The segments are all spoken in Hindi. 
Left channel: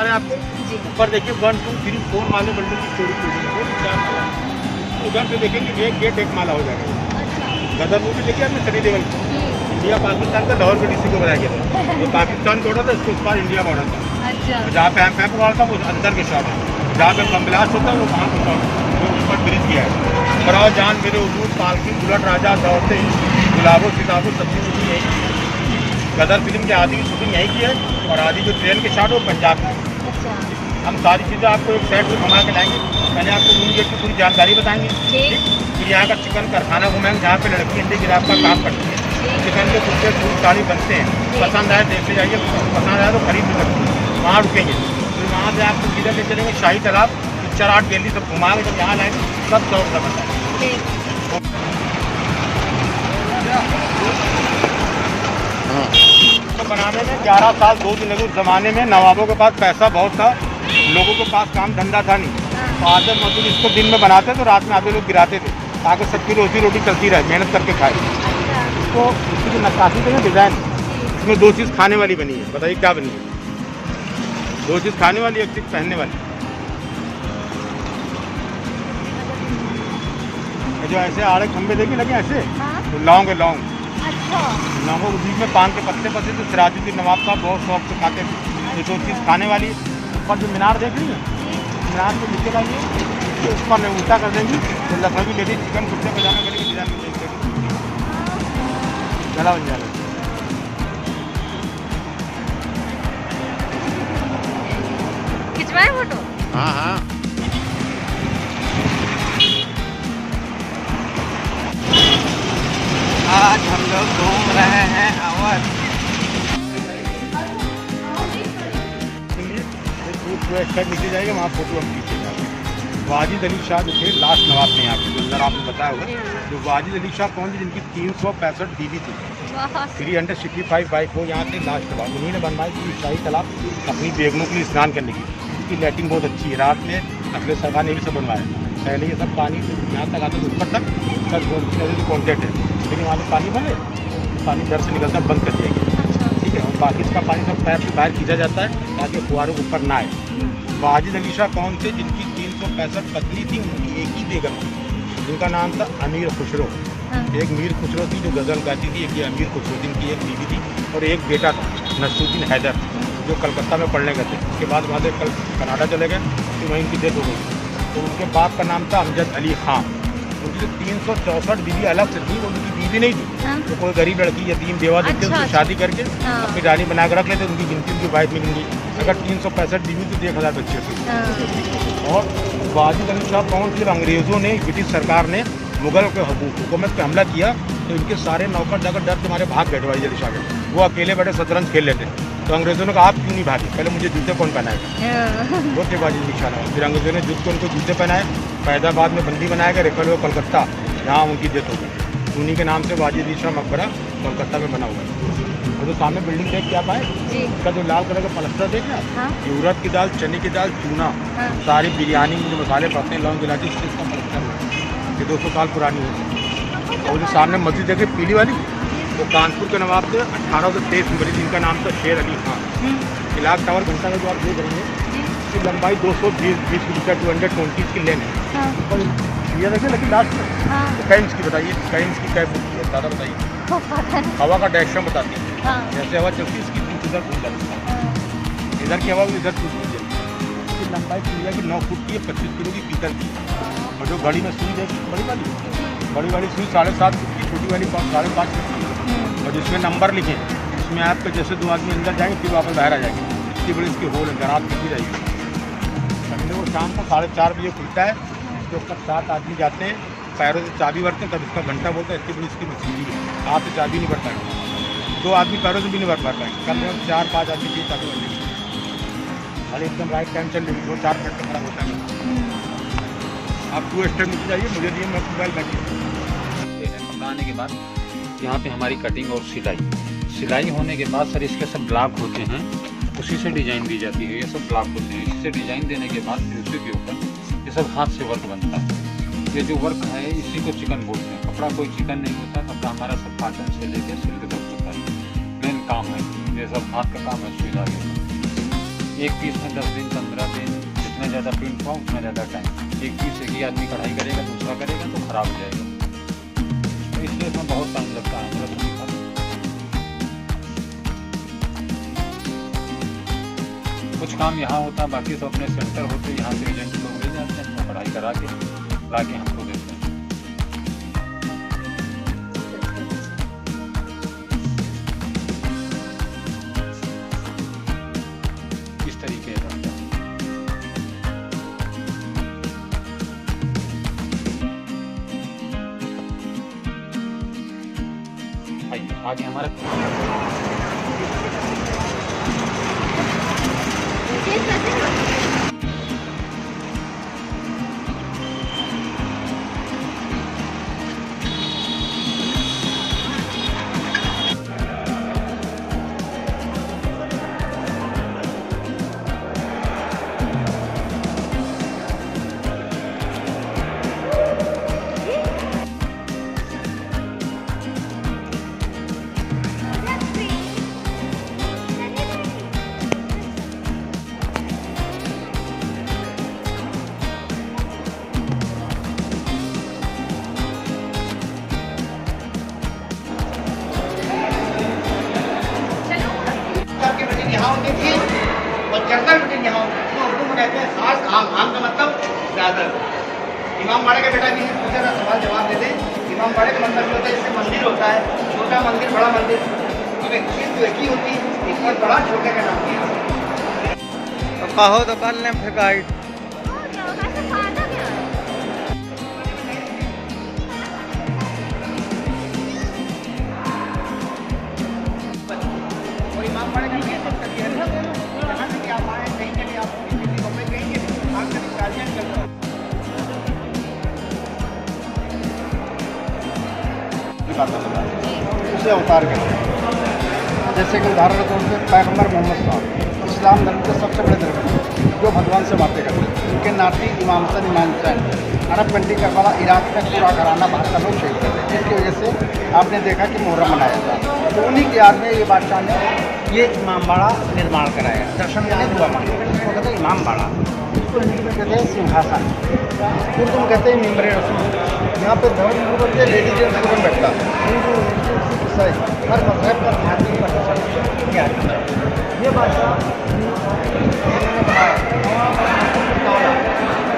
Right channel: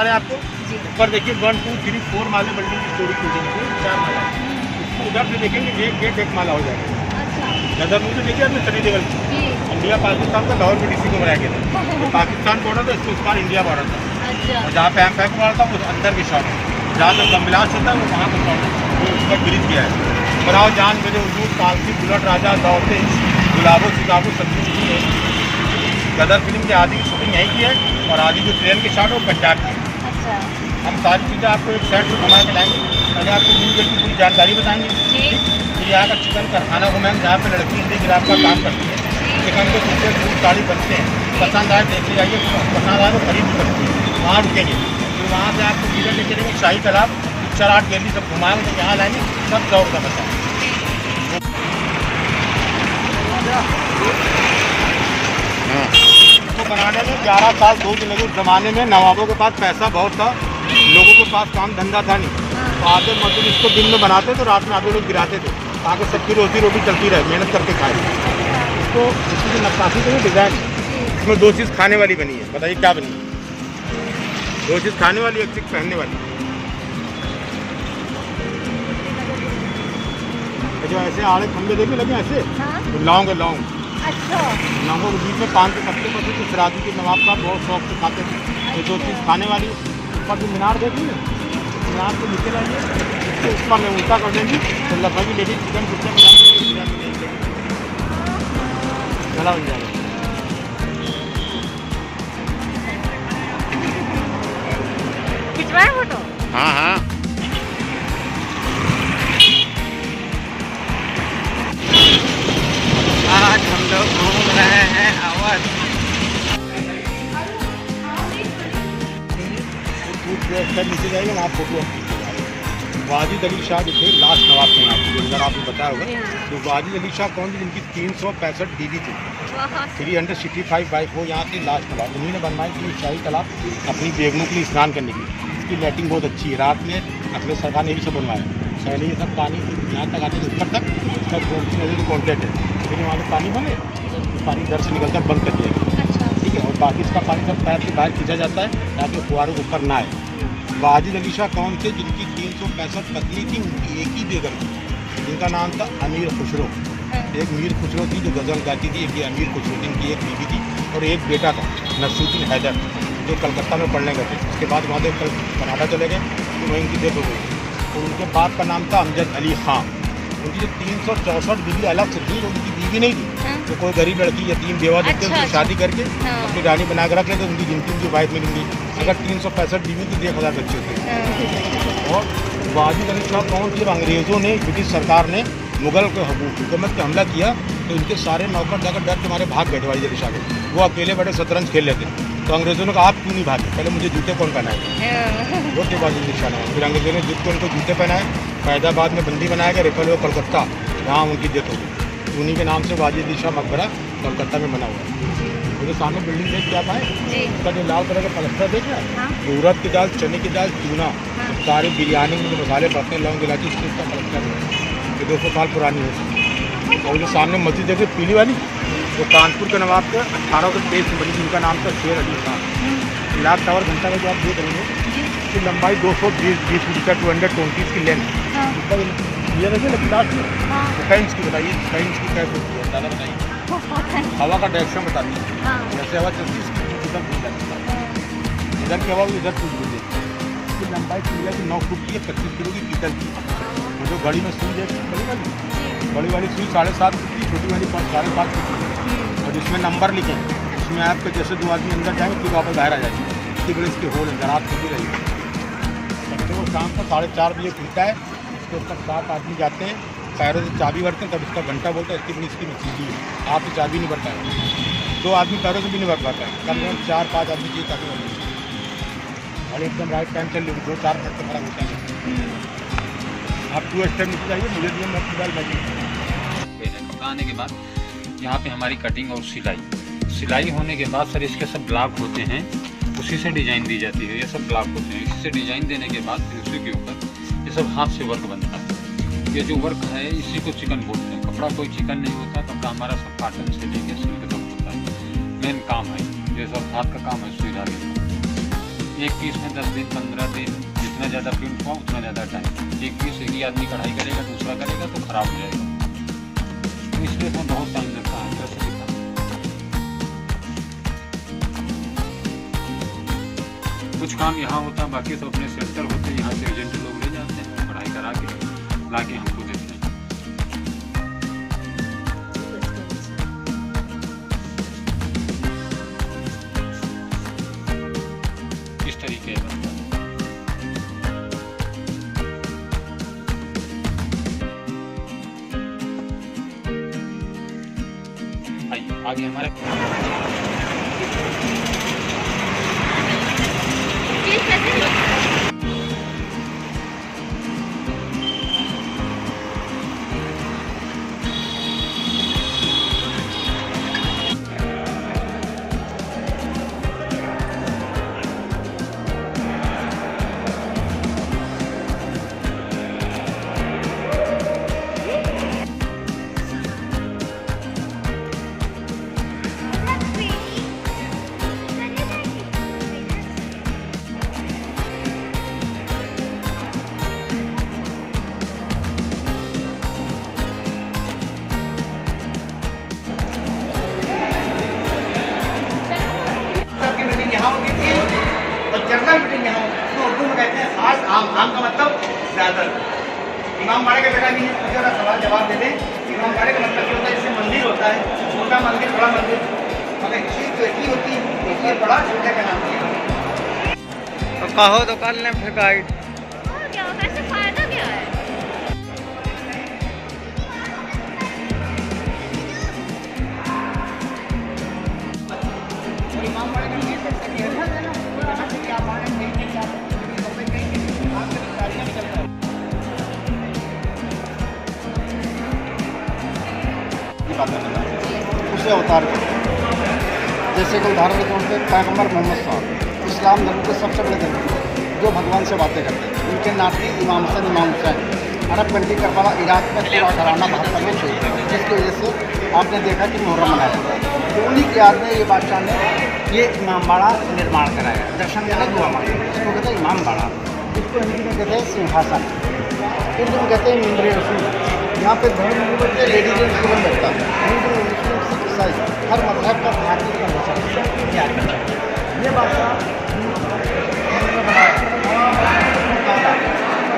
बता रहे हैं आपको। ऊपर देखिए 1 2 3 4 माले बिल्डिंग की चौड़ी बिल्डिंग है, 4 माला है। इसको उधर से देखेंगे एक गेट एक माला हो जाएगा। गदर मुझे देखिए आपने सभी लेवल इंडिया पाकिस्तान का लाहौर BDC को बनाया गया था। तो पाकिस्तान बॉर्डर था, इसको उस पार इंडिया बॉर्डर था। और जहाँ पे पैम्प वाला था वो अंदर के शॉप, जहाँ पे कमलास होता है वो वहाँ का शॉप, वो ऊपर ब्रिज किया है। बराव जान मेरे उजूर पालकी बुलट राजा दौड़ते गुलाबो सिताबो सब्जी मिली है। गदर फिल्म के आदि की शूटिंग यहीं की है और आदि जो ट्रेन के शॉट वो पंजाब की। हम सारी चीज़ें आपको एक साइड में घुमा के लाएंगे। पहले आपको मूवी की पूरी जानकारी बताएंगे, ठीक। फिर यहाँ का चिकन कारखाना घुमाएंगे जहाँ पे लड़की हिंदी गिराफ का काम करती है। चिकन के कुर्ते दूध साड़ी बनते हैं, पसंद आए देख ले जाइए, पसंद आए तो खरीद भी सकते हैं। वहाँ रुकेंगे तो वहाँ से आपको सीधा ले चलेंगे शाही तालाब, पिक्चर आर्ट गैलरी सब घुमाएंगे। जब यहाँ लाएंगे सब दौड़ का बताएंगे। हाँ, इसको बनाने में 11 साल 2 दिन लगे। उस ज़माने में नवाबों के पास पैसा बहुत था, लोगों के पास काम धंधा था नहीं, तो आधे मजदूर इसको दिन में बनाते तो रात में आधे लोग गिराते थे ताकि सबकी रोजी रोटी चलती रहे, मेहनत करके खाए। इसको इसकी जो नक्काशी थी ना, डिज़ाइन, इसमें 2 चीज़ खाने वाली बनी है। बताइए क्या बनी है? 2 चीज़ खाने वाली, 1 चीज़ पहनने वाली। जो ऐसे आड़े खंभे देखिए लगे ऐसे, तो लौंग है, लौंग। लौंगों के बीच में पान के पत्ते पत्ते जो सिराजी के नवाब साहब बहुत शौक से खाते थे। ये 2 चीज़ खाने वाली। ऊपर जो मीनार देख रही है, मीनार को नीचे लाइए, इसके ऊपर में उल्टा कर देंगी तो लखनऊ की लेडीज चिकन कुर्ता पजामा करेगी, डिजाइन में देगी, गला बन जाएगा। खिंचवाएं फोटो? हाँ हाँ। आज हम लोग घूम रहे हैं अवध। नीचे जाएगा वहाँ फोटो हम खींचे जाएगा। वाजिद अली शाह जो थे लास्ट नवाब थे यहाँ पे, जो अंदर आपने बताया होगा। तो वाजिद अली शाह कौन थे? जिनकी 365 बीवी थी, 365 वाइफ, वो यहाँ से लास्ट नवाब। उन्हीं ने बनवाई थी शाही तालाब अपनी बेगमों के लिए स्नान करने की। इसकी लाइटिंग बहुत अच्छी है। रात में अपने सरकार ने भी सब बनवाया। पहले ये सब पानी यहाँ तक आते ऊपर तक सब कॉन्टेक्ट है, लेकिन वहाँ से पानी भरे, पानी घर से निकलता बंद कर दिया गया, ठीक है। और बाकी इसका पानी सब पैप से बाहर खींचा जाता है ताकि फुहारों के ऊपर ना आए। वाजिद अली शाह कौन थे? जिनकी 365 पत्नी थी, उनकी एक ही बेगम थी, जिनका नाम था अमीर खुसरो। एक मीर खुसरो थी जो गज़ल गाती थी, एक ये अमीर खुसरो, जिनकी एक बीवी थी और एक बेटा था नसरुद्दीन हैदर, जो कलकत्ता में पढ़ने गए थे। उसके बाद वहाँ से कल कनाडा चले गए, तो वहीं उनकी डेथ हो गई। तो उनके बाप का नाम था अमजद अली खां। उनकी जो 364 बीवी अलग से थी, उनकी बीवी नहीं थी। तो कोई गरीब लड़की यतीम बेवा देखते उनकी शादी करके अपनी रानी बना कर रख लेते, उनकी गिनती उनकी वाइफ में गिनती। अगर 365 बीवी तो 1000 बच्चे थे। और वाजिद अली शाह कौन थे? अंग्रेज़ों ने, ब्रिटिश सरकार ने मुगल के हुकूमत पे हमला किया तो इनके सारे नौकर जाकर डर के मारे भाग गए वाजिद अली शाह के। वो अकेले बैठे शतरंज खेल लेते। तो अंग्रेज़ों ने कहा आप क्यों नहीं भागे? पहले मुझे जूते कौन पहनाएगा? वो थे वाजिद अली शाह। फिर अंग्रेज़ों ने जुट को उनको जूते पहनाए, फैजाबाद में बंदी बनाया गया, रेफर हुआ कलकत्ता, जहाँ उनकी डेथ हो गई। उन्हीं के नाम से वाजिद अली शाह मकबरा कोलकाता में बना हुआ है। और जो सामने बिल्डिंग देख के आप आए, उसका जो लाल कलर का पलस्तर देख रहे हैं, ये उड़द की दाल, चने की दाल, चूना, सारी बिरयानी में जो मसाले पड़ते हैं, लौंग इलायची, उसका पलस्तर है, ये 200 साल पुरानी हो। और जो सामने मस्जिद देख रहे पीली वाली, तो कानपुर के नवाब के 1823 में, जिनका नाम था शेर अली खान। गिलास टावर घंटा में जो आप देख रहे हैं, इसकी लंबाई 220 मीटर 220 की लेन है। ये वैसे लेकिन लास्ट में तो कैंस की बताइए, कैंस की क्या फुट है ज़्यादा बताइए। हवा का डायरेक्शन बताती है, जैसे हवा चलती है इसकी इधर घूम जाती है, इधर की हवा इधर कुछ घूम जाती है। इसकी लंबाई चिड़िया की 9 फुट की है, 25 किलो की पीतल की। और जो घड़ी में सुई देखी बड़ी वाली सुई 7.5 फुट की, छोटी वाली 5.5 फुट की। और जिसमें नंबर लिखे उसमें आपके जैसे 2 आदमी अंदर जाएंगे फिर वापस बाहर आ जाएंगे। इतनी बड़ी इसकी होल है, रात खुलती रहेगी। संडे को शाम को 4:30 बजे खुलता है। इसके ऊपर 7 आदमी जाते हैं, पैरों से चाबी भरते हैं, तब इसका घंटा बोलता है। इसकी बड़ी इसकी मछली है, हाथ से चाबी नहीं भरता है। 2 आदमी पैरों से भी नहीं भर पाता है, कम से कम 4-5 आदमी की चाबी भर लेते हैं। अरे एकदम राइट टाइम चल रही 2-4 मिनट का खराब होता है। आप 2 स्टेप नीचे जाइए, मुझे दिए मैं मोबाइल बाकी पकाने के बाद यहाँ पे हमारी कटिंग और सिलाई होने के बाद सर इसके सब ब्लॉक होते हैं, उसी से डिज़ाइन दी जाती है। ये सब ब्लॉक होते हैं, इसी से डिज़ाइन देने के बाद फिर उसी के ऊपर ये सब हाथ से वर्क बनता है। ये जो वर्क है इसी को चिकन बोलते हैं। कपड़ा कोई चिकन नहीं होता, कपड़ा हमारा सब कॉटन से लेके सिल्क तक होता है। मेन काम है ये सब हाथ का काम है, सुई धागे का। एक पीस में 10 दिन 15 दिन, जितना ज़्यादा प्रिंट हुआ उतना ज़्यादा टाइम। एक पीस एक ही आदमी कढ़ाई करेगा, दूसरा करेगा तो ख़राब हो जाएगा, तो इसलिए इसमें बहुत टाइम लगता है। जैसे लिखा कुछ काम यहाँ होता, बाकी सब अपने सेंटर होते, यहाँ से एजेंट लोग ले जाते हैं, कढ़ाई करा के ला के हमको देते हैं। इस तरीके का आइए आगे हमारे यहाँ होती थी और चर्चा मीटिंग यहाँ होती उर्दू में कहते हैं खास आम। आम का मतलब ज़्यादातर। इमाम बाड़े का बेटा भी है, पूछे का सवाल जवाब दे दें। इमाम बाड़े का मतलब होता है जैसे मंदिर होता है, छोटा मंदिर बड़ा मंदिर, मगर इससे तो एक ही होती है, इसलिए बड़ा छोटे का नाम दिया। तो कहो दुकान ने फिर गाइड उसे अवतार करते हैं। जैसे कि उदाहरण के तौर पर पैगम्बर मोहम्मद साहब इस्लाम धर्म के सबसे बड़े धर्म जो भगवान से बातें करते हैं। उनके नाती इमाम हसन इमाम Hussain Arab country Karbala Iraq में पूरा घराना बाहर का लोग शहीद थे, जिसकी वजह से आपने देखा कि मुहर्रम मनाया जाता है। तो उन्हीं की याद में ये बादशाह ने ये इमाम बाड़ा निर्माण कराया। दर्शन मैंने दुआ मांगा, इसको कहते हैं इमाम बाड़ा, इसको हिंदी में कहते हैं सिंहासन, उर्दू में कहते हैं मिंबर रसूल। यहाँ पे धर्म युवक के लेडीज एंड स्टूडेंट बैठता है, हिंदू मुस्लिम ईसाई हर मजहब का धार्मिक पर बचा ये आदमी चाहिए। ये बादशाह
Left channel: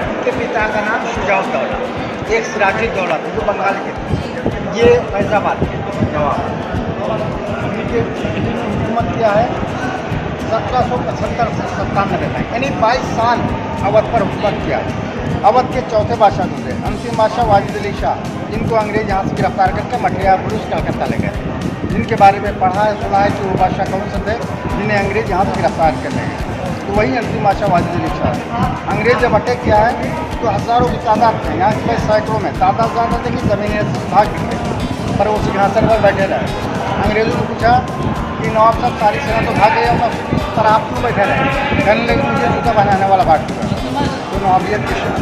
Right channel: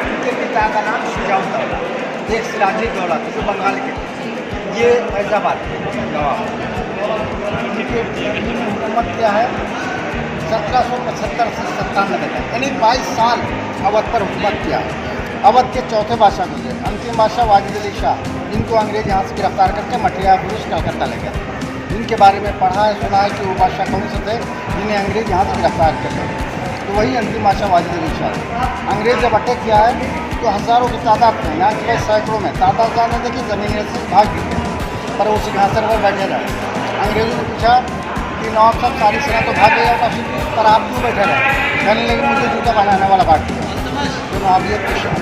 उनके पिता का नाम शुजाउद्दौला, एक सिराजी दौला थे जो बंगाल के, ये फैजाबाद के नवाब। उनके इन्होंने हुकूमत किया है 1775 से 97 तक, यानी 22 साल अवध पर हुकूमत किया है। अवध के चौथे बादशाह गुजरे, अंतिम बादशाह वाजिद अली शाह, जिनको अंग्रेज यहाँ से गिरफ्तार करके मठिया पुरुष कलकत्ता ले गए। जिनके बारे में पढ़ा है सुना है कि वो बादशाह कौन से थे जिन्हें अंग्रेज यहाँ से गिरफ्तार कर गए, तो वही अंतिम बादशाह वाजिद अली शाह। अंग्रेज जब अटैक किया है तो हज़ारों की तादाद में, यहाँ के सैकड़ों में तादाद ज़्यादा देखिए ज़मीन से भाग गई, पर वो सिंहासन पर बैठे रहे। अंग्रेज़ों ने पूछा कि नवाब साहब सारी सेना तो भाग गई अपना सिटी, पर आप क्यों बैठे रहे? कहने लगे मुझे जूता बनाने वाला भाग चुका। तो नवाबियत की शान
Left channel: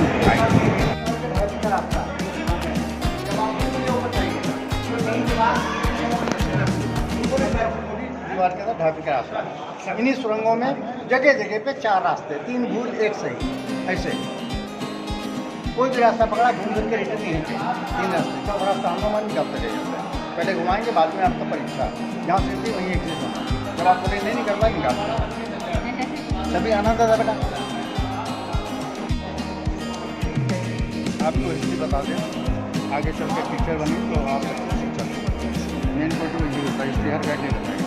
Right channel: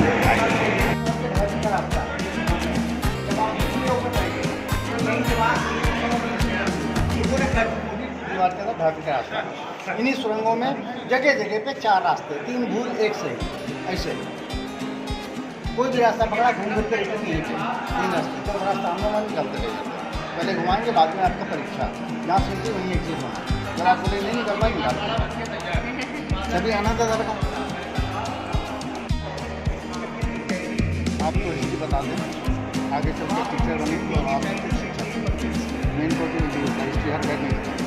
दीवार के अंदर ढाबे का रास्ता। इन्हीं सुरंगों में जगह जगह पे 4 रास्ते, 3 भूल 1 सही, ऐसे कोई भी रास्ता पकड़ा घूम फिर के रिटर्न नहीं चाहिए। 3 रास्ते तो रास्ता हम निकलते रह जाते हैं। पहले घुमाएंगे, बाद में आपका परीक्षा जहाँ से थी वहीं एग्जिट होना। जब आप बोले नहीं कर पाएंगे आप तभी आना था बेटा। आपको हिंदी बता दें, आगे चल के टीचर बने तो आप शिक्षक मेन को तो हिंदी होता है, इसलिए हर गाइड नहीं होता है।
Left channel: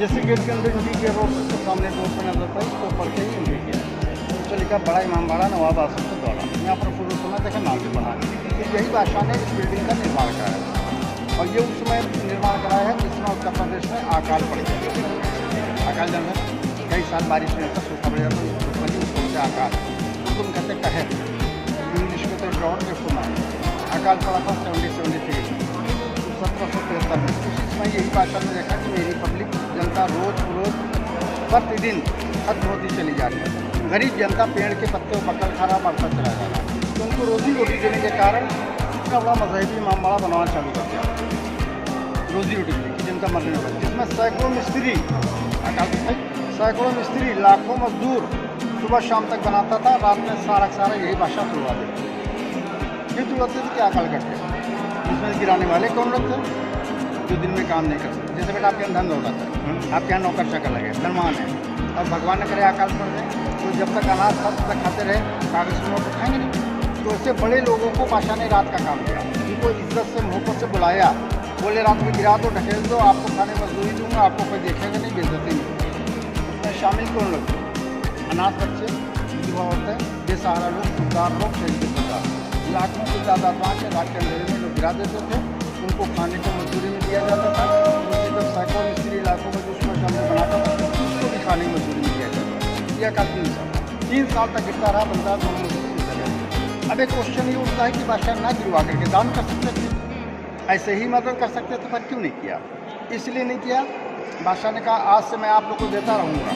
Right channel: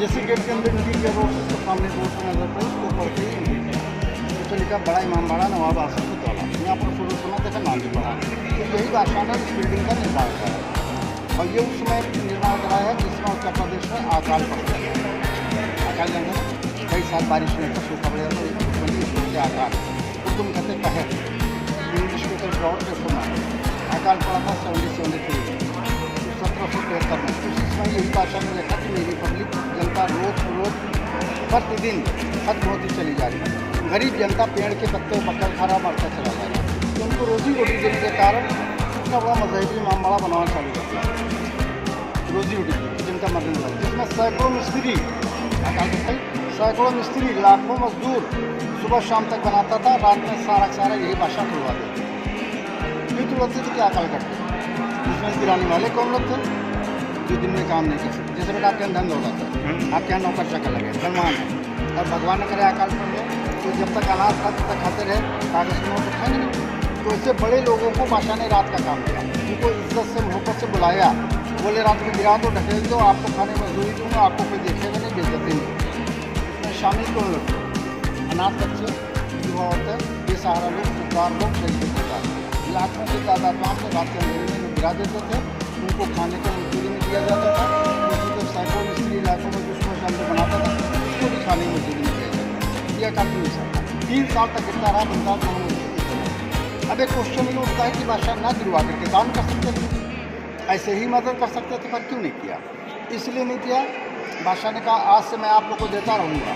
जैसे गेट के अंदर नीचे किया रोड तो सामने बोर्ड पर नजर पर तो पढ़ते ही नहीं किया तो लिखा बड़ा इमाम बाड़ा नवाब आसिफ दौला। यहाँ पर शुरू सुना देखा नाम भी पढ़ा। तो यही बादशाह ने इस बिल्डिंग का निर्माण कराया और ये उस समय निर्माण कराया है जिसमें उत्तर प्रदेश में अकाल पड़ गया। अकाल जानते हैं, कई साल बारिश नहीं था, सूखा पड़ जाता है, उसको क्या अकाल उर्दू में कहते कहर, इंग्लिश में तो ड्रॉट के सुना। अकाल पड़ा था 1773 में, 1773 में। उसी समय यही बादशाह ने देखा कि मेरी पब्लिक जनता रोज़ प्रतिदिन खत्म होती चली जा रही है। गरीब जनता पेड़ के पत्ते पकड़ खा रहा, मरता चला जा रहा है। तो उनको रोजी रोटी देने के कारण इतना बड़ा मजहबी इमामबाड़ा बनाना चालू कर दिया। रोजी रोटी जनता मरने लगी, जिसमें सैकड़ों मिस्त्री अकाल के भाई सैकड़ों मिस्त्री, लाखों मजदूर सुबह शाम तक बनाता था, रात में सारा यही बादशाह तुड़वा देते। क्यों तुड़वाते थे? क्या अकल करते? इसमें गिराने वाले कौन लोग थे? जो दिन में काम नहीं कर सकते। जैसे बेटा आपके यहाँ धंधा हो जाता है, आपके यहाँ नौकर चाकर लगे, धनवान है, और भगवान ने करे अकाल पड़ जाए, तो जब तक अनाज था तब तक खाते रहे, कागज के नोट उठाएंगे नहीं। तो इससे बड़े लोगों को बादशाह ने रात का काम दिया, उनको इज्जत से मोहब्बत से बुलाया, बोले रात में गिरा दो, ढकेल दो, आपको खाने मजदूरी दूंगा, आपको कोई देखेगा नहीं, बेइज्जती नहीं। इसमें शामिल कौन लोग थे? अनाथ बच्चे, विधवा औरतें, बेसहारा लोग, खुददार लोग, शहीद खुददार। लाखों की तादाद वहाँ के रात के अंधेरे में लोग गिरा देते थे, उनको खाने को मजदूरी में दिया जाता था। उनकी जब सैकड़ों मिस्त्री इलाकों में दुश्मन शामिल बनाता था, उसको भी खाने की मजदूरी में दिया जाता था। यह काफी साल 3 साल तक गिरता रहा, बनता दोनों मजदूरी देता रहा। अब एक क्वेश्चन ये उठता है कि बादशाह ना गिरवा करके दान कर सकते थे, ऐसे ही मदद कर सकते थे, पर क्यों नहीं किया? इसलिए नहीं किया, बादशाह ने कहा आज से मैं आप लोग को देता रहूँगा,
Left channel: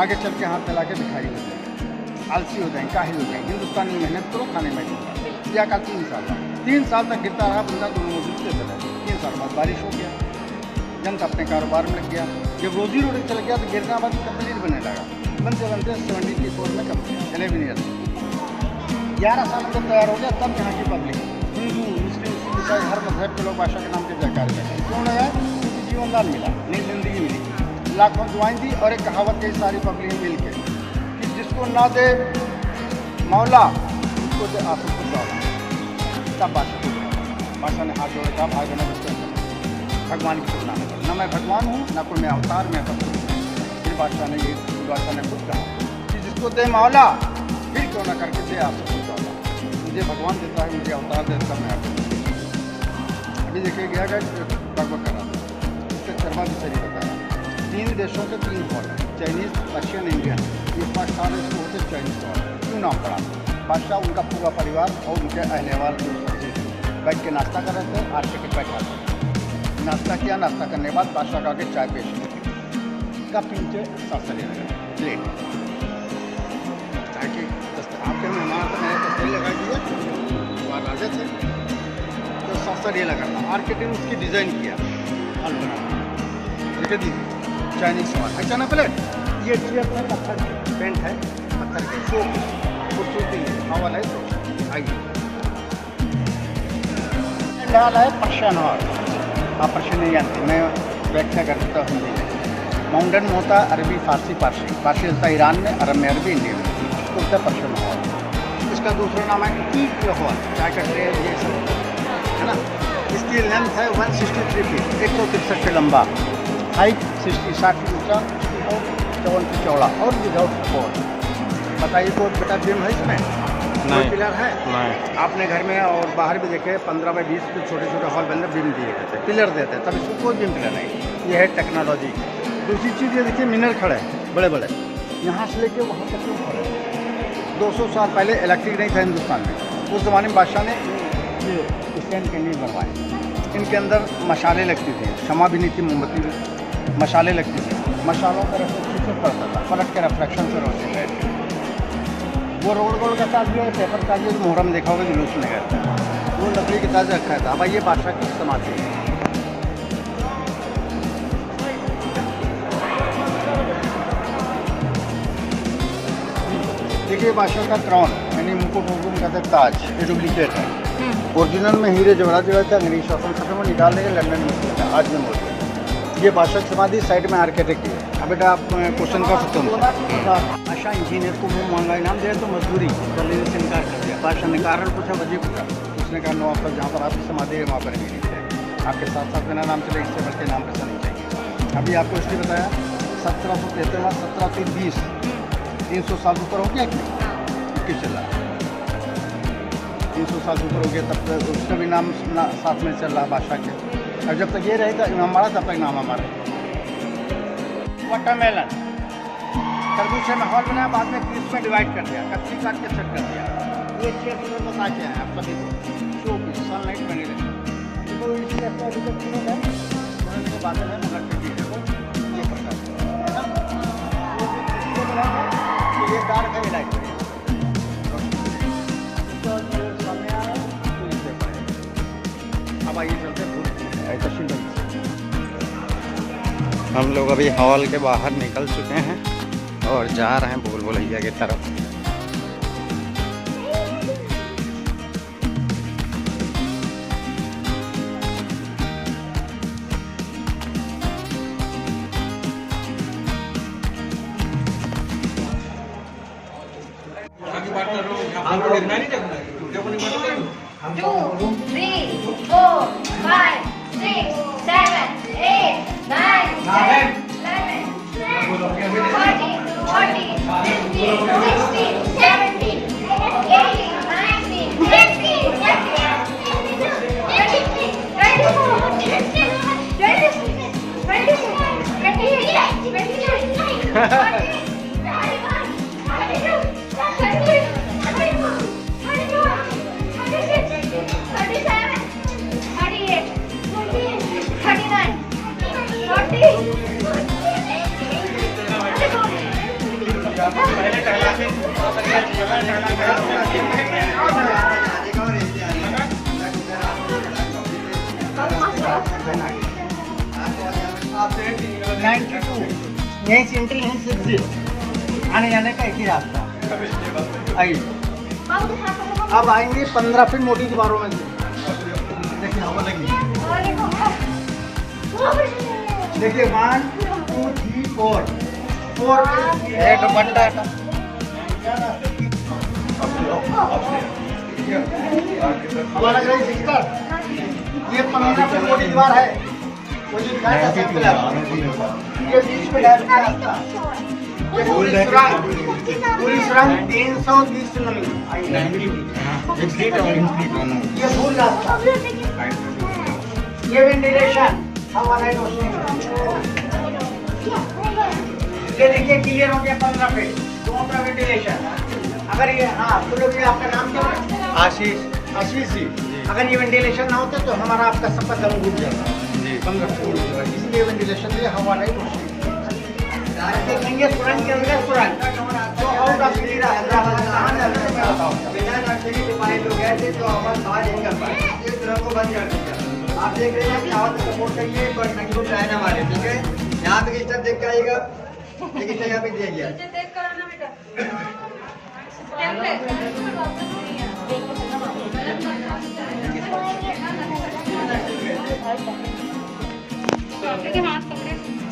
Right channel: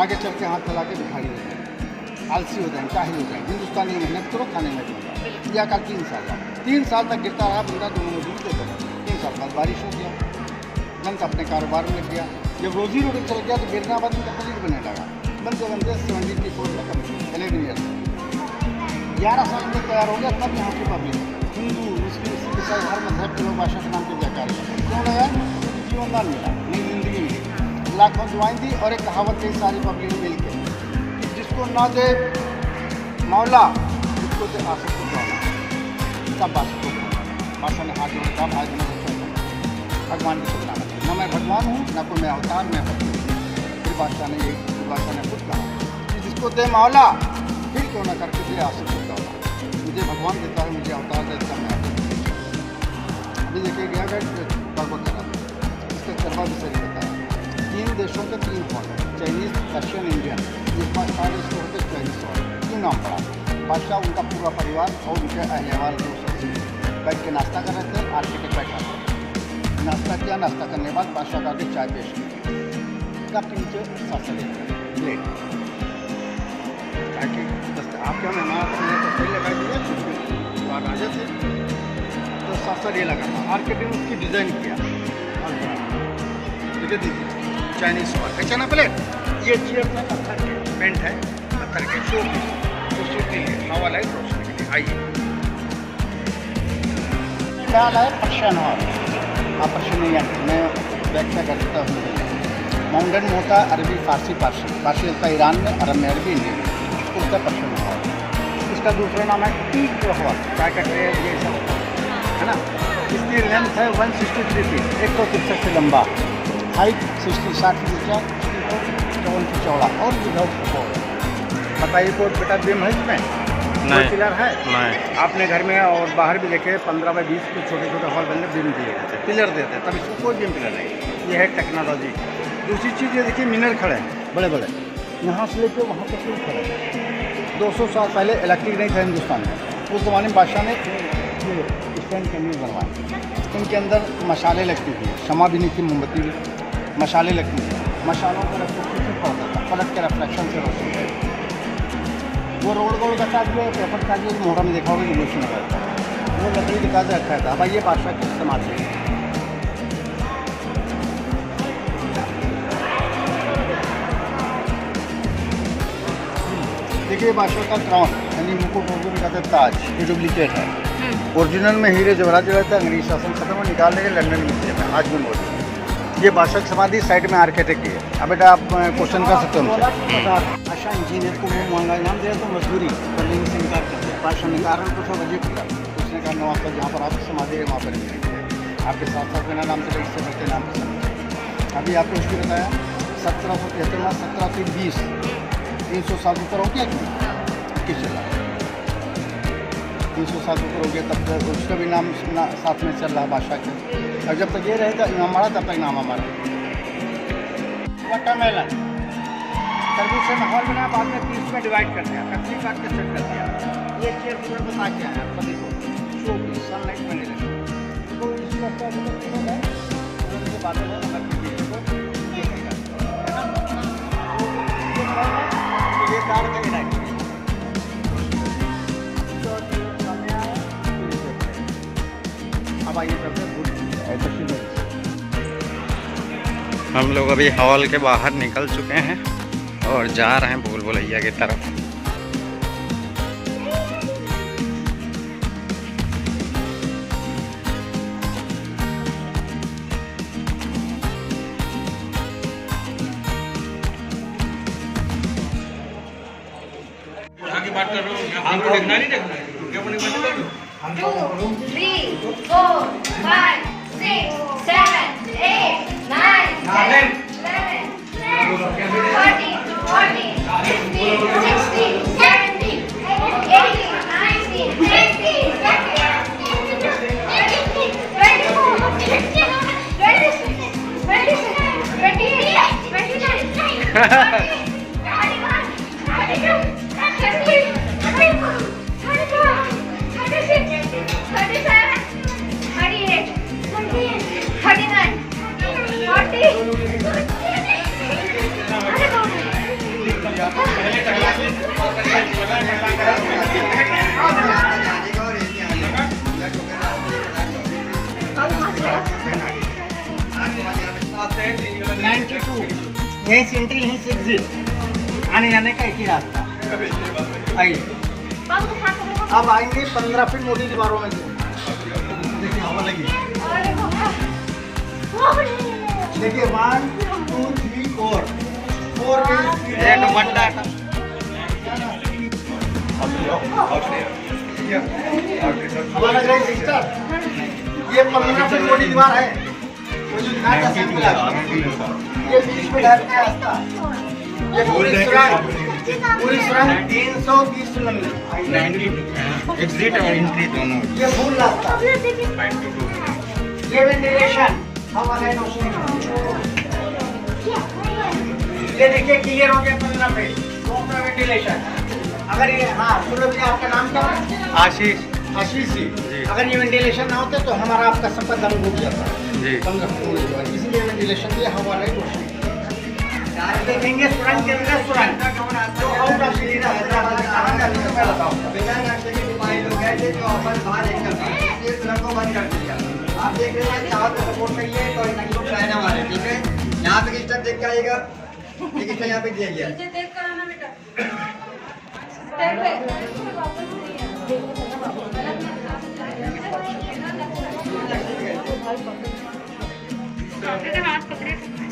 आगे चल के हाथ फैला के भिखारी हो जाएंगे, आलसी हो जाएंगे, काहिल हो जाएंगे, हिंदुस्तानी मेहनत करो, खाने में दूँगा। यह कल 3 साल का 3 साल तक गिरता रहा, बंदा दोनों मजदूर देता रहा। 3 साल बाद बारिश हो गया, जनता अपने कारोबार में लग गया। जब रोजी रोटी चल गया तो गिरना बाद कंप्लीट बनने लगा। बनते बनते 74 में कंप्लीट 11 ईयर 11 साल अंदर तैयार हो गया। तब यहाँ की पब्लिक हिंदू, मुस्लिम, सिख, ईसाई हर मजहब के लोग बादशाह के नाम के जयकार लगाए। क्यों लगाए? क्योंकि जीवनदान मिला, नई जिंदगी मिली, लाखों दुआएं दी, और एक कहावत कही सारी पब्लिक मिल के कि जिसको ना दे मौला, उसको दे आसिफ को दौला। तब बादशाह को बोला, बादशाह ने हाथ जोड़ कहा भाई बहनों बच्चों, भगवान की तुलना न करें, न मैं भगवान हूँ, न कोई मैं अवतार, मैं सब कुछ। फिर बादशाह ने खुद कहा कि जिसको दे मौला, फिर क्यों ना करके दे आसिफ को दौला। मुझे भगवान देता है, मुझे अवतार देता है, मैं आपको। अभी देखिए गया गड़बड़ करा था, इसका चरवा भी सही बताया। 3 देशों के 3 हॉल, चाइनीज़, रशियन, इंडियन। ये 5 साल इसको होते चाइनीज़ हॉल। क्यों नाम पड़ा? बादशाह, उनका पूरा परिवार और उनके अहलवाल को बैठ के नाश्ता कर रहे थे, आर्किटेक्ट बैठा था। नाश्ता किया, नाश्ता करने के बाद बादशाह का आगे चाय पेश की, कप के नीचे सासा ले लगा प्लेट, ताकि आपके मेहमान आते हैं तो सही लगा दिया, वहाँ राजा थे तो सासा ये लगा था। आर्किटेक्ट ने उसकी डिज़ाइन किया, हॉल बना देखिए दीजिए, चाइनीज़ हॉल है क्या ना प्लेट। ये चेयर में पत्थर के पेंट है, पत्थर के शो खूबसूरती के लिए, हवा लाइट रोशनी के लिए। आइए हाल है पर्शियन हॉल, पर्शियन मैं व्याख्या कर देता हूँ हिंदी में। माउंटेन में होता है अरबी, फारसी, फारसी होता है ईरान में, अरब में अरबी, इंडियन में, तो होता है पर्शियन हॉल। इसका दूसरा नाम है पीक हॉल, क्या कहते हैं ये सब, है ना। इसकी लेंथ है 163 फीट, 163 फीट लंबा, हाइट 60 फीट ऊँचा, 54 फीट चौड़ा, और विदाउट सपोर्ट। बताइए को बता बीम है इसमें? नहीं, पिलर है नहीं। आपने घर में और बाहर भी देखे 15 बाई 20 के छोटे छोटे हॉल बनने बीम दिए जाते, पिलर देते, तब इसको कोई बीम पिलर नहीं। ये है टेक्नोलॉजी। दूसरी चीज़ ये देखिए, मिनर खड़े हैं बड़े बड़े, यहाँ से लेके वहाँ तक खड़े। 200 साल पहले इलेक्ट्रिक नहीं था हिंदुस्तान में, उस ज़माने में बादशाह ने ये स्टैंड कैंडल बनवाए। इनके अंदर मशाले लगती थी, शमा भी नहीं थी, मोमबत्ती भी, मशाले लगती थी। मशालों का रिफ्लेक्शन पड़ता था, पलट के रिफ्लेक्शन से रोशनी है। वो रोड का ताज है, पेपर ताज है, मोहरा में देखा होगा जुलूस में गया था, वो लकड़ी के ताज रखा था। भाई ये बादशाह की समाधि है। देखिए बादशाह का क्राउन यानी मुकुट कहते हैं, ताज, ये डुप्लीकेट है। ओरिजिनल में हीरे जवाहरात जो थे अंग्रेज शासन खत्म हो निकालने के लंदन में किया था, आज भी मौजूद। ये बादशाह की समाधि साइड में आर्किटेक्ट की है। अब बेटा आप क्वेश्चन कर सकते हो, बादशाह इंजीनियर को मुँह महंगा इनाम दिया तो मजदूरी पर लेने से इनकार कर दिया। बादशाह ने कारण पूछा, वजह पूछा, तो उसने कहा नवाब पर जहाँ पर आपकी समाधि है वहाँ पर नहीं रहेंगे, आपके साथ साथ मेरा नाम चले, इससे बढ़ते नाम पर समझे। अभी आपको इसलिए बताया 1773 में 1720 300 साल ऊपर हो गया कि नहीं, किस चला 300 साल ऊपर हो गया, तब तक उसका भी नाम साथ में चल रहा बादशाह के। और जब तक ये रहेगा इमाम हमारा, तब तक नाम हमारा। वाटरमेलन, तरबूज से माहौल बनाया, बाद में पीस में डिवाइड कर दिया, कच्ची काट के सेट कर दिया। ये चेयर पूरे बता के आए आप सभी को, शो पीस, सनलाइट वेंटिलेशन। तो इसमें आपका अभी तक पूरा है, और इनके बादल है, मतलब के पीछे को ये करता है, ये कार का इलाज। अब आइए चलते हैं तशील भाई। हम लोग अभी हॉल के बाहर निकल चुके हैं और जा रहे हैं भूल भुलैया की तरफ। Two, three, four, five, six, seven, eight, nine, 10, 11, 13, 14, 15, 16, 17, 18, 19, 20, यहीं से एंट्री यहीं से एग्जिट, आने जाने का एक ही रास्ता। आइए अब आएंगे 15 फीट मोटी दीवारों में। देखिए हवा लगी, देखिए 1 2 3 4 दुपट्टा हवा लग रही सिस्टर। ये 15 फीट मोटी दीवार है। ये बीच में रास्ता, ये पूरी सुरंग 330 लंबी, एग्जिट और एंट्री दोनों। ये फुल रास्ता, ये वेंटिलेशन हवा लाइन रोशनी। ये देखिए क्लियर हो गया 15 फीट दोनों का वेंटिलेशन। अगर ये हाँ सुनो भैया, आपका नाम क्या है? आशीष आशीष जी। अगर ये वेंटिलेशन ना होते तो हमारा आपका सबका दम डूब जाता जी। 15 फीट, इसीलिए वेंटिलेशन दिया, हवा लाइन रोशनी। देखेंगे सुरंग के अंदर सुरंग तो और काफी रास्ता मैं बताऊँ। बिना नक्शे के सिपाही लोग गए थे जो अपन बाहर नहीं कर पाए, इस सुरंग को बंद कर दिया। आप देख रहे हैं चारों तरफ सपोर्ट करिए तो लोग रहने हमारे, ठीक है। यहाँ पे स्टेप देख कर आइएगा, एक स्टेप यहाँ पे दिया गया है।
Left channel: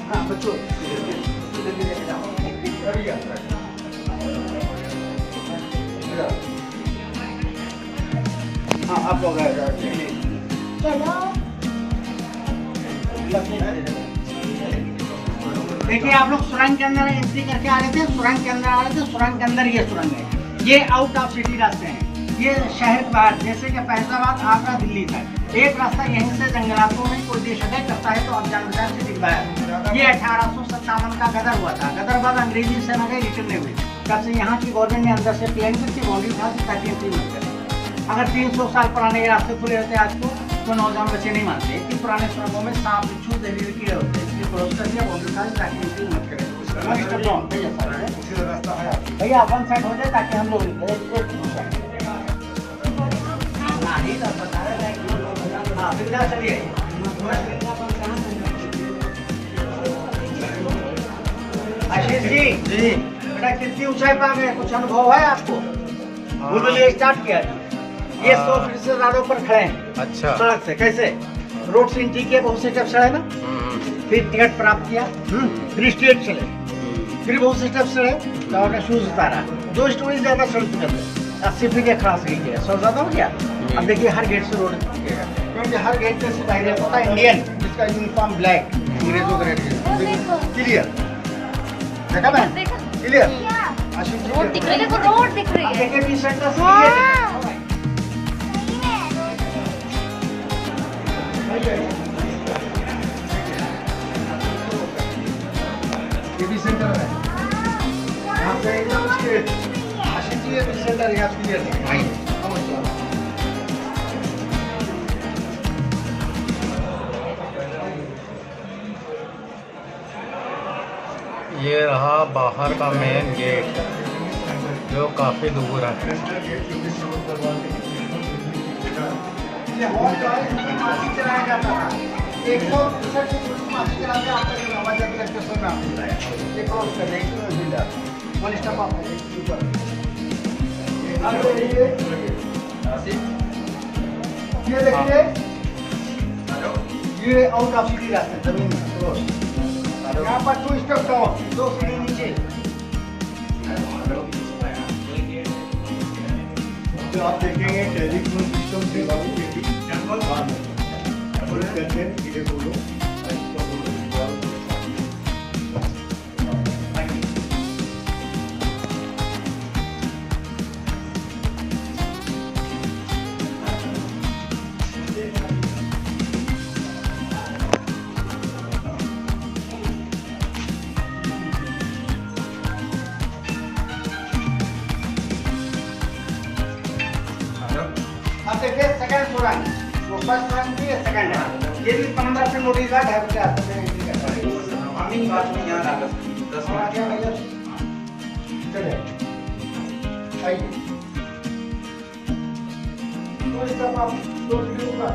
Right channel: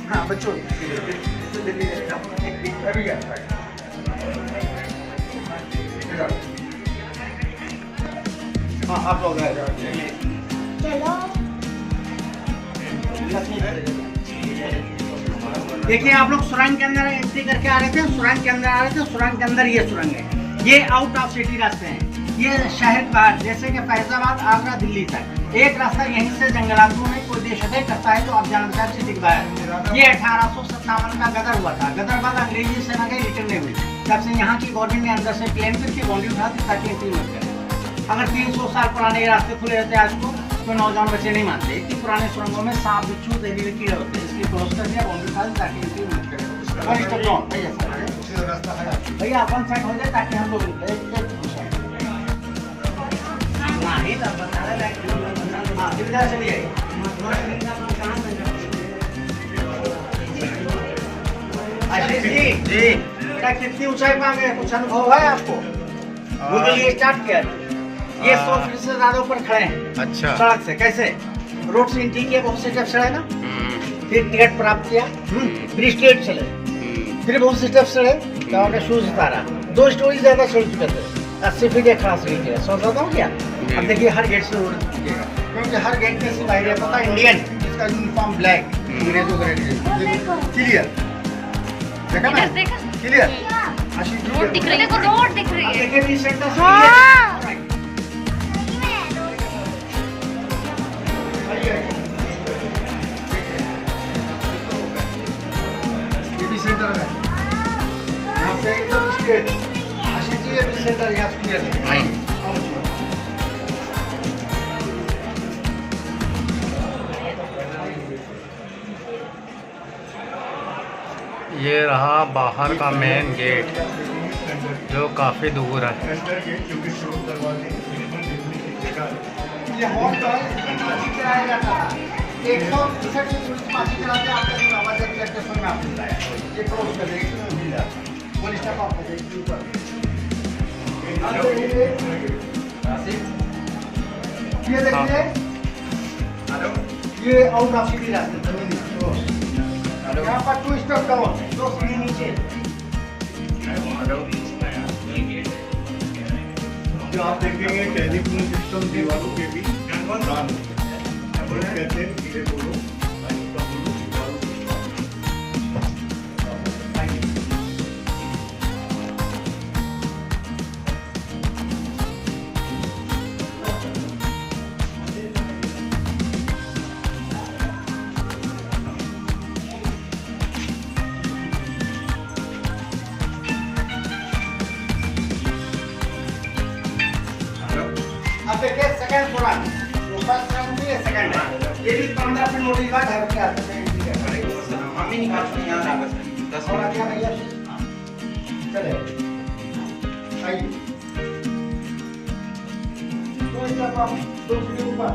हाँ बच्चों हाँ आप लोग देखिए, आप लोग सुरंग के अंदर एंट्री करके आ रहे थे, सुरंग के अंदर आ रहे थे, सुरंग के अंदर ये सुरंग है। ये आउट ऑफ सिटी रास्ते हैं, ये शहर के बाहर, जैसे कि फैजाबाद, आगरा, दिल्ली तक एक रास्ता यहीं से जंगलातों में कोई देश अटैक करता है तो आप जान बचार सिटी बाहर। ये 1857 का गदर हुआ था, गदर बाद अंग्रेजी सेना गई, रिटर्न नहीं हुई, तब से यहाँ की गवर्नमेंट ने अंदर से प्लान करके बाउंड्री उठा दी ताकि एंट्री मत करें। अगर 300 साल पुराने रास्ते खुले रहते आज को तो नौजवान बच्चे नहीं मानते। इतनी पुराने सुरंगों में सांप, बिच्छू, जहरीले कीड़े होते हैं, इसलिए क्लोज कर दिया, बाउंड्री उठा दी ताकि एंट्री मत करें। भैया वन साइड हो जाए ताकि हम लोग चलिए। आशीष जी जी बेटा कितनी ऊंचाई पा गए, कुछ अनुभव है आपको? भूल के लिए स्टार्ट किया, ये 100 फीट से ज्यादा ऊपर खड़े हैं। अच्छा। सड़क से कैसे रोड से एंट्री किया, बहुत से स्टेप चढ़े ना, फिर टिकट प्राप्त किया, फिर स्ट्रेट चले, फिर बहुत से स्टेप चढ़े, तो शूज उतारा, 2 स्टोरी ज्यादा चढ़ चुके थे, 80 फीट खड़ा से किया, 100 ज्यादा हो गया। अब देखिए हर गेट से रोड दिखेगा, क्योंकि हर गेट में से बाहर रहता था इंडियन, जिसका यूनिफॉर्म ब्लैक, अंग्रेजों का रेड। क्लियर देखा ना, क्लियर आशीष जी रोड दिख रही है, रोड दिख रही है। देखिए भी सेंटर ये भी सेंटर है, यहाँ से एकदम स्ट्रेट। आशीष जी ये भी सेंटर यहाँ क्लियर है। ये रहा बाहर का मेन गेट जो काफ़ी दूर है। ये हॉल जो है इसमें मासिक चलाया जाता था। 160 से माफी चलाते हैं आपका आवाज जब तक समय में आपको मिला है ये क्रॉस कर रहे हैं हिल जाता है वन स्टेप आपको देखिए ऊपर आप देखिए ये देखिए ये आउट ऑफ सीधी रास्ता जमीन क्रॉस यहाँ पर 2 स्टेप डाउन 2 सीढ़ी नीचे जो आप देखेंगे टेलीफोन सिस्टम दीवारों पे भी काम है। कहते हैं धीरे बोलो, आहिस्ता बोलो, दीवारों पे अब देखिए सेकंड फ्लोर है तो फर्स्ट फ्लोर भी है सेकंड है ये भी 15 से नोटिस का घर के आते हैं एंट्री कर रहे हैं हम ही निकाल के यहां आ गए 10 मिनट आ गया भैया चले आइए तो इसका आप 2 सीढ़ी ऊपर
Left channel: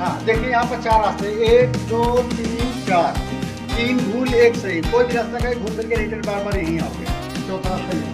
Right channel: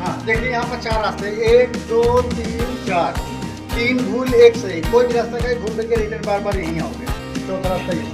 हाँ देखिए यहाँ पर 4 रास्ते 1 2 3 4 3 भूल 1 सही कोई भी रास्ता का घूम करके रिटर्न बार बार यहीं आओगे चौथा रास्ता ये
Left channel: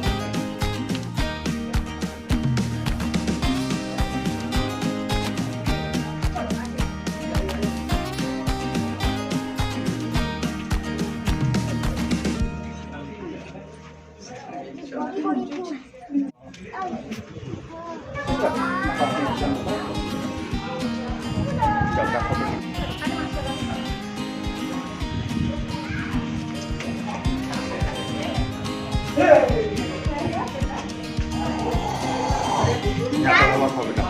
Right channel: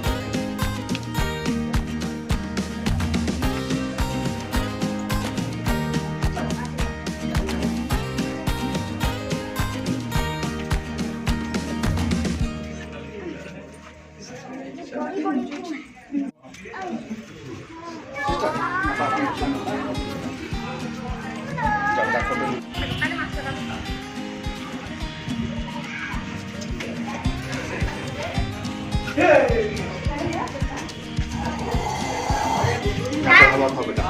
यहाँ पर हवा बेटा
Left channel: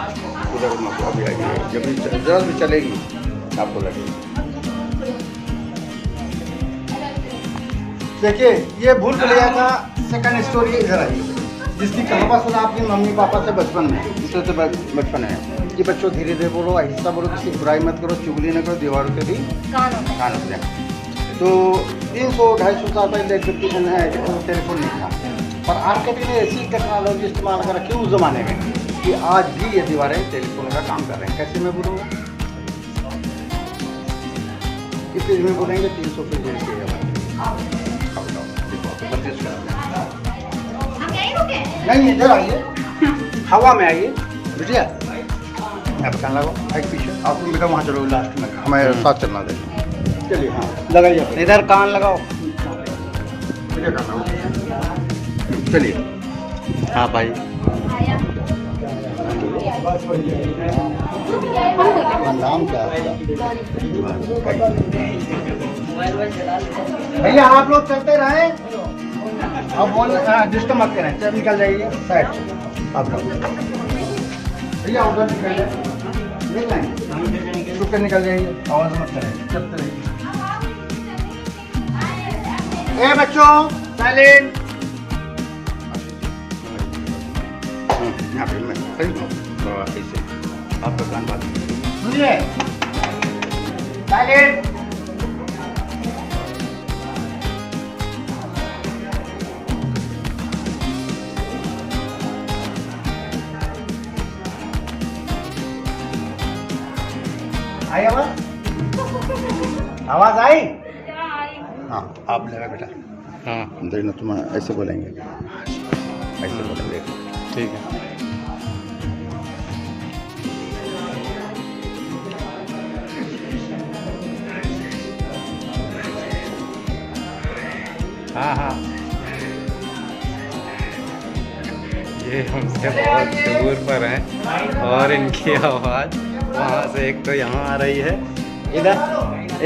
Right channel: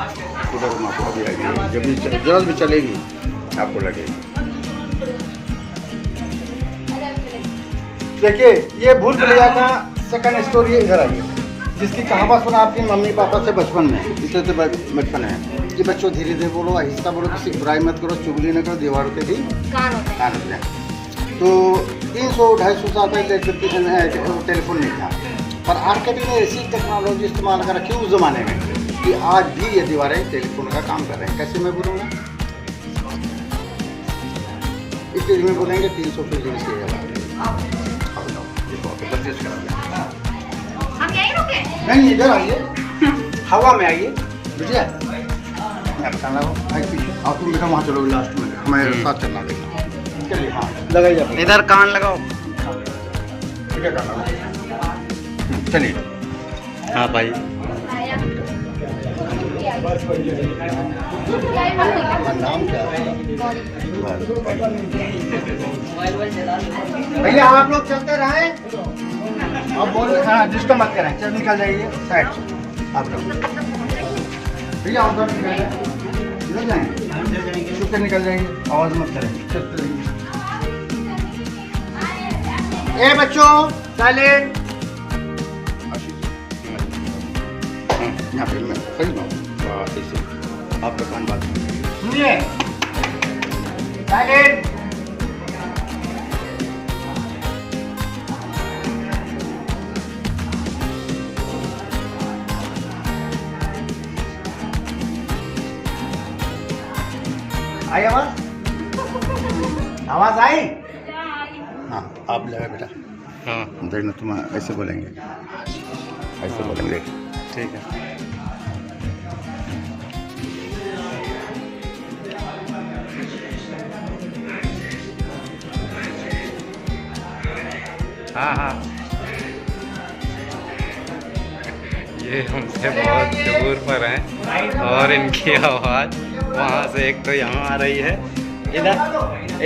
उधर अभी आएगी जब भी जरा भी चलेगी आपको लगेगी। देखिए ये भूल भुलैया का सेकंड स्टोरी इधर आई जिसकी कहावत सुना आपके मम्मी पापा से बचपन में इसे तो बचपन है कि बच्चों धीरे धीरे बोलो आहिस्ता बोलो किसी की बुराई मत करो चुगली न करो दीवारों पे भी कान होते हैं। तो 300-250 साल पहले टेलीफोन नहीं था पर आर्किटेक्ट ने ऐसी टेक्नोलॉजी इस्तेमाल कर रखी उस ज़माने में कि आज भी ये दीवारें टेलीफोन का काम कर रहे हैं। कैसे मैं बोलूँगा इस चीज़ में बोलेंगे 300 फीट से हम यहीं रुके नहीं इधर आइए हवा में आइए बुझिए मैं बताना आगे पीछे आप तुम बेटा वहाँ चलो लास्ट में हमें साथ चलना देगा चलिए हाँ लगाइए इधर कान लगाओ। चलिए हाँ भाई नाम क्या है भैया आप लोग चलते रहे अब बोल डिस्टर्ब मत करें चल निकल जाइए साइड आप लोग भैया उधर निकल जाए चुप कर निकल जाइए आवाज मत करें चलते रहिए ए बच्चों साइलेंट यहाँ पे मैं सही ना ऐसे आपका कान बात सुनिए साइलेंट आई आवाज आई हाँ आप लगा बेटा हाँ देखना तुम ऐसे बोलेंगे ठीक है। हाँ हाँ ये हमसे बहुत दूर पर हैं और इनकी आवाज़ वहाँ से एक तो यहाँ आ रही है।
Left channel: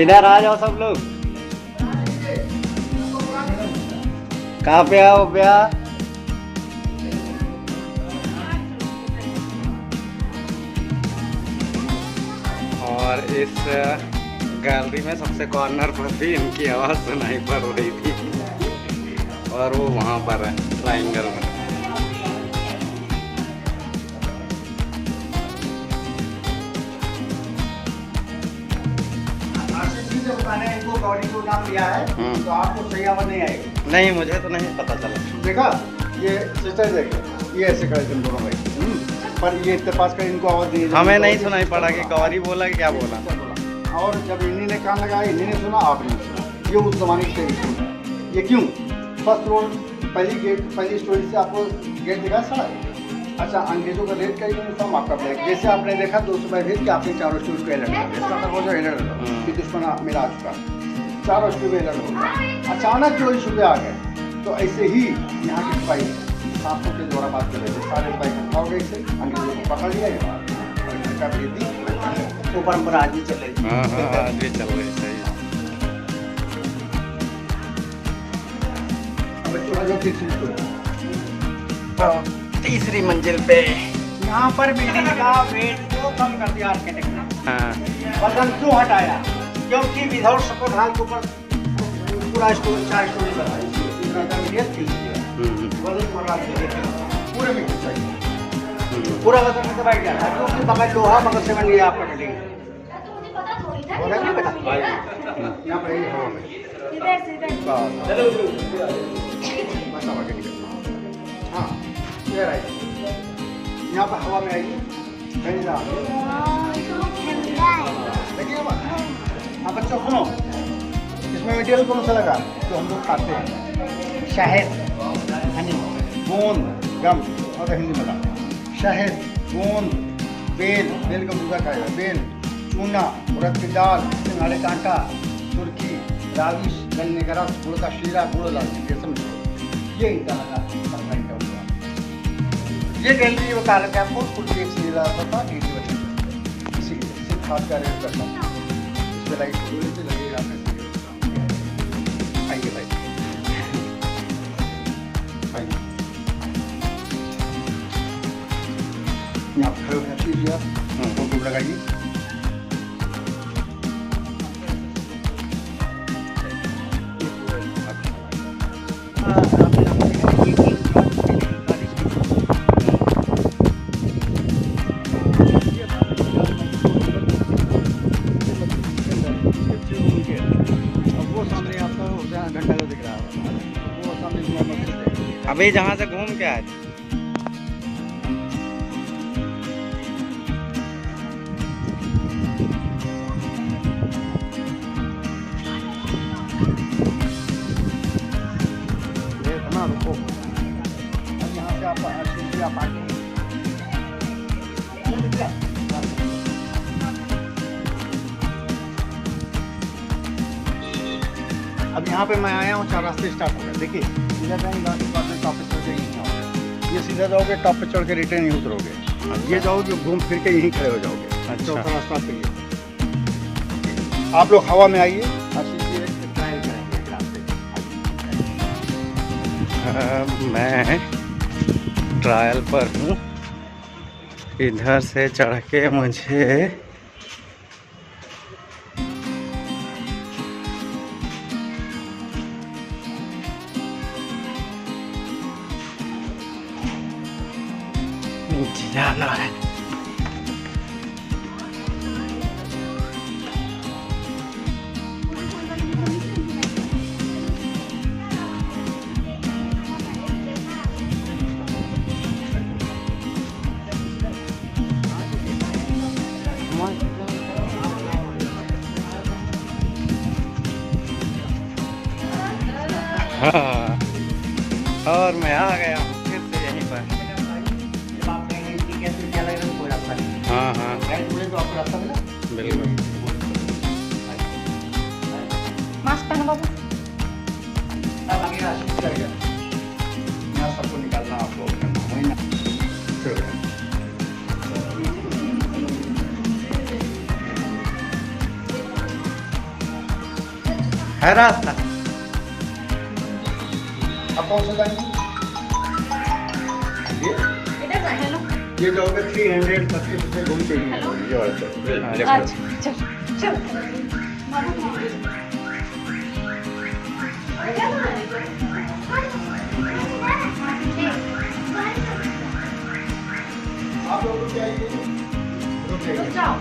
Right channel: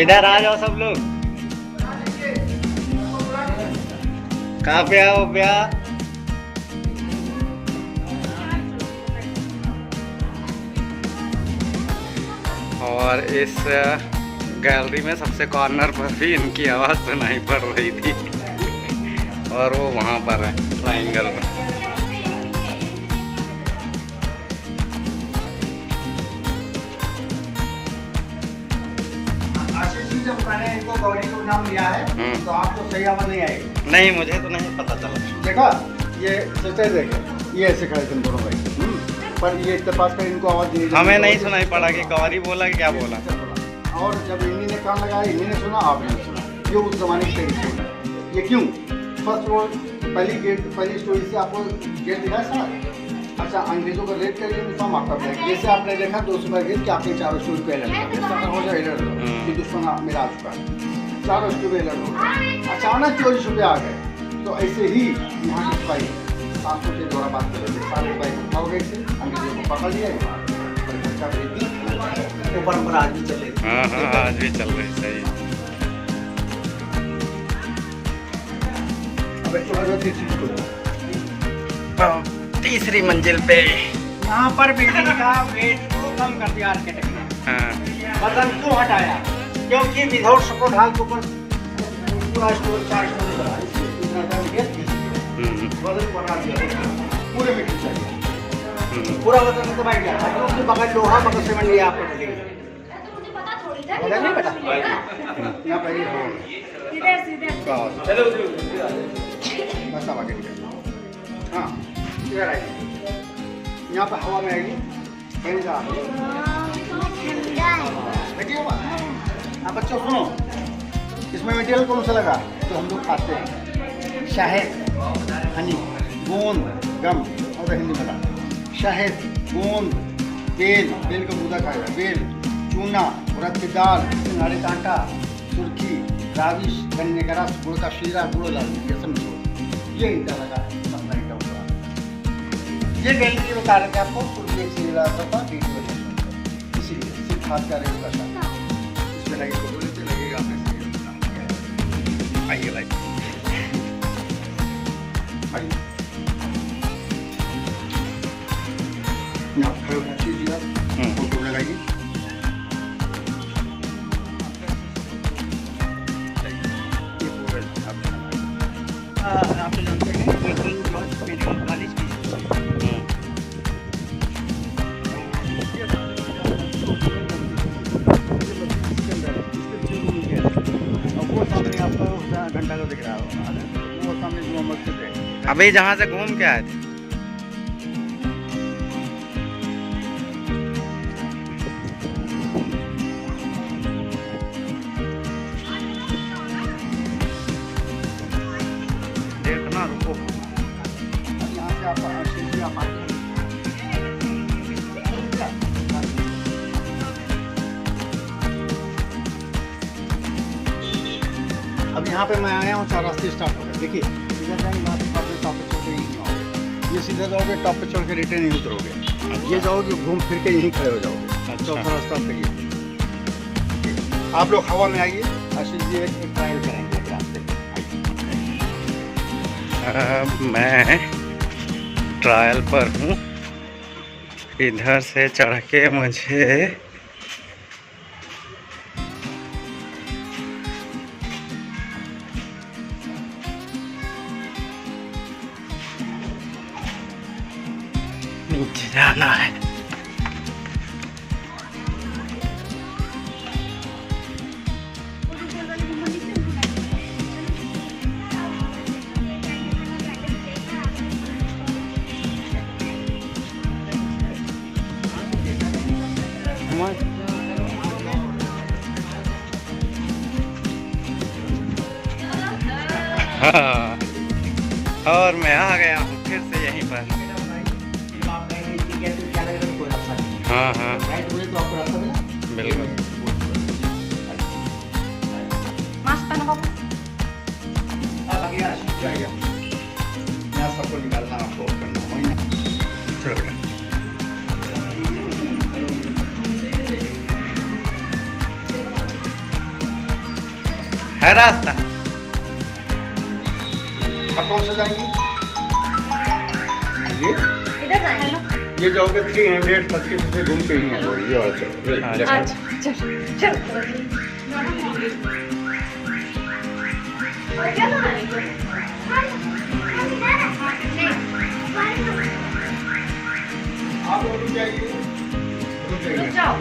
इधर आ जाओ सब लोग। कहाँ पे आओ भैया? और इस गैलरी में सबसे कॉर्नर पर भी इनकी आवाज़ सुनाई पड़ रही थी और वो वहाँ पर है ट्रायंगल में। जब मैंने इनको गौरी को नाम लिया है तो आपको सही आवाज नहीं आएगी। नहीं, मुझे तो नहीं पता चला। देखा, ये सिस्टर देखो, ये ऐसे खड़े थे दोनों भाई। पर ये इत्तेफाक कर इनको आवाज दी। हमें नहीं सुनाई पड़ा कि गौरी बोला कि क्या बोला। और जब इन्हीं ने कान लगाया, इन्हीं ने सुना, आपने नहीं सुना। ये उस जमाने की स्टोरी है। ये क्यों? फर्स्ट रोड पहली स्टोरी से आपको गेट दिखाया सारा। अच्छा, अंग्रेजों का रेड का यूनिफॉर्म आपका ब्लैक, जैसे आपने देखा 200 भेज के आपने चारों स्टोरी को अलर्ट कर दिया। हो जाए अलर्ट कि दुश्मन मेरा आ चुका है, चारों स्टोरी अलर्ट हो गया। अचानक चोरी छुपे आ गए, तो ऐसे ही यहाँ के सिपाही सांसों के द्वारा बात कर रहे थे। सारे सिपाही इकट्ठा हो गए थे, अंग्रेजों को पकड़ लिया, का भेज दी। वो परंपरा आज भी चल रही है। हाँ, आज भी चल रही। सही। बच्चों का जो तीसरी मंजिल पे। यहाँ पर बिल्डिंग का वेट को कम कर दिया आर्किटेक्ट ने। हाँ। वजन क्यों हटाया? क्योंकि विदाउट सपोर्ट हाल के ऊपर पूरा स्टोर 4 स्टोरी बना है। इतना वजन बढ़ा दिया, देखिए पूरे में खींचा गया, पूरा वजन से बैठ गया। क्योंकि बगल लोहा, बगल से बन गया आपको बिल्डिंग। तो मुझे पता थोड़ी था। बोला नहीं बेटा, यहाँ पर सीधे बस अब आगे निकल। हाँ, इधर आइए, यहाँ पर हवा में आएगी, कहीं जा देखिए। हाँ बच्चों सुनो, इसमें मटेरियल कौन सा लगा तो हम लोग खाते हैं? शहद, हनी, गोंद, गम, और हिंदी में शहद, गोंद, बेल का बूदा खाएगा, बेल, चूना, उड़द की दाल, सिंघाड़े का आटा, सुर्खी, राविश, गन्ने का रस, गुड़ का शीरा, गुड़ लाल, ये समझो। ये ईटा लगा सरकारी का हुआ। ये गैलरी बता रहे थे आपको, कुल भी एक सीरीज आता था, वीडियो बना, इसीलिए सिर्फ हाथ का रेव करता था। इसमें लगे फोटो लेते लगेगा आपने। आइए भाई, आइए यहाँ पर कीजिए, फोटो लगाइए। अभी जहाँ से घूम के आए थे। देखना, रुको। यहाँ से आप आगे अब यहाँ पे मैं आया हूँ, 4 रास्ते स्टार्ट हो गए। देखिए सीधा जाएंगे, बाद में टॉप पे चढ़ के यहीं आओगे। ये सीधा जाओगे, टॉप पे चढ़ के रिटर्न नहीं उतरोगे। ये जाओगे, घूम फिर के यहीं खड़े हो जाओगे। चौथा रास्ता सही है। आप लोग हवा में आइए, आशीष जी ट्रायल करेंगे एक रास्ते। मैं ट्रायल पर हूँ। इधर से चढ़ के मुझे जाना है। हाँ, और मैं आ गया हूँ फिर से यहीं पर। हाँ हाँ, तो आपको रास्ता मिला बिल्कुल। मास्क पहनो बाबू। अब आगे आशीष जाएगा, यहाँ सबको निकालना आपको करना वही ना। चलो है रास्ता। अब कौन सा जाएंगी? इधर जाएं। ये जाओगे 325 से घूम के ही आओगे। ये वाला चलो। अच्छा चल और क्या बना रही हो? आप लोग रुक जाइए, रुक रुक जाइए। जाओ।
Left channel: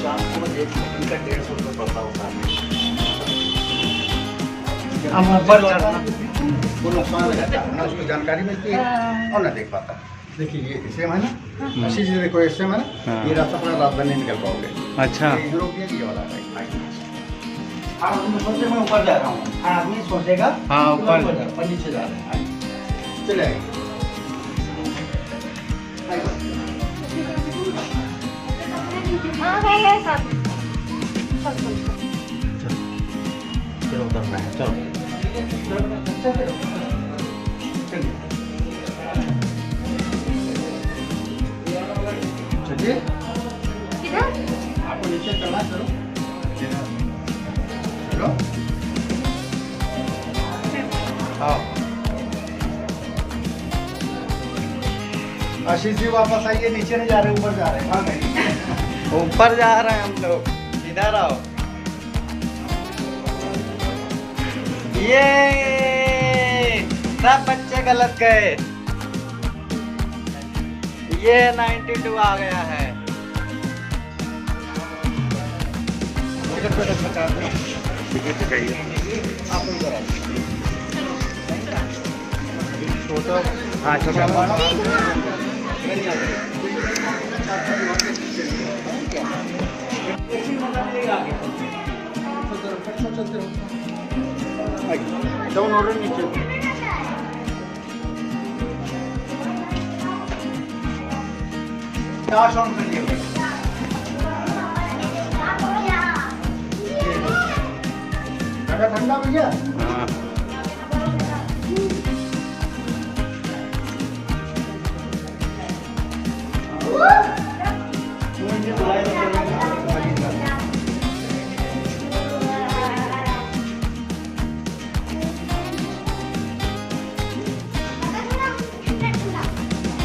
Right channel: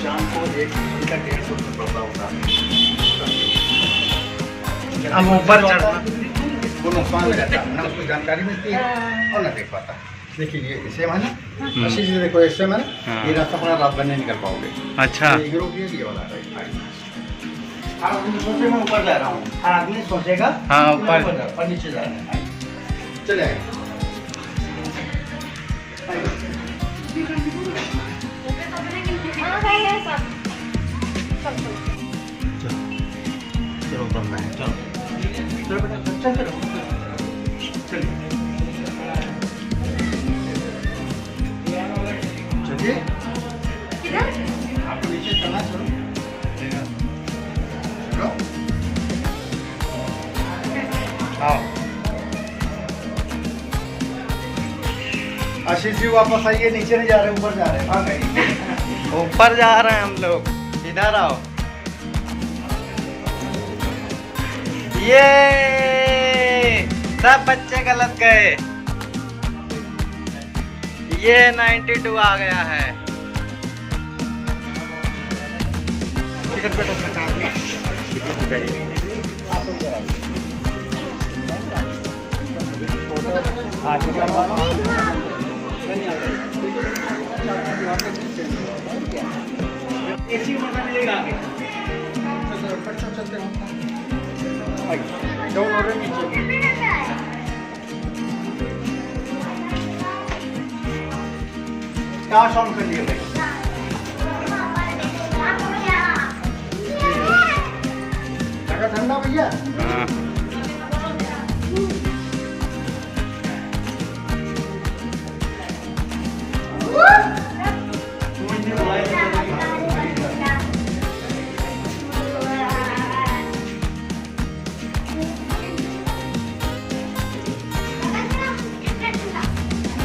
शाम को एक उनका 150 रुपये पड़ता होता है। अब ऊपर चढ़ना वो नुकसान हो जाता है, ना उसको जानकारी मिलती है और ना देख पाता है। देखिए ये इसे मैंने अच्छी चीज़ देखो, इससे मैंने ये रास्ता अपना रात भर नहीं निकल पाओगे। अच्छा ये वाला है। आदमी सोचे मैं ऊपर जा रहा हूँ, हर आदमी सोचेगा हाँ, ऊपर और नीचे जा रहा है। चले आए हाँ है सब। चलो उधर में चलो चलो बेटा चल चलो चलिए चलिए किधर? आपको नीचे चलना चलो चलो हाँ आशीष जी वापस आइए, नीचे नहीं जा रहे ऊपर जा रहे हैं। हाँ भाई ऊपर जा रहे हैं हम लोग, इधर आओ। ये सब बच्चे गलत गए, ये 92 आ गया है। हाँ छोटा ऐसी मजा मिलेगा आगे चलते हो डाउन ऑर्डर नीचे कैश ऑन कर लिया जगह ठंडा भैया। हाँ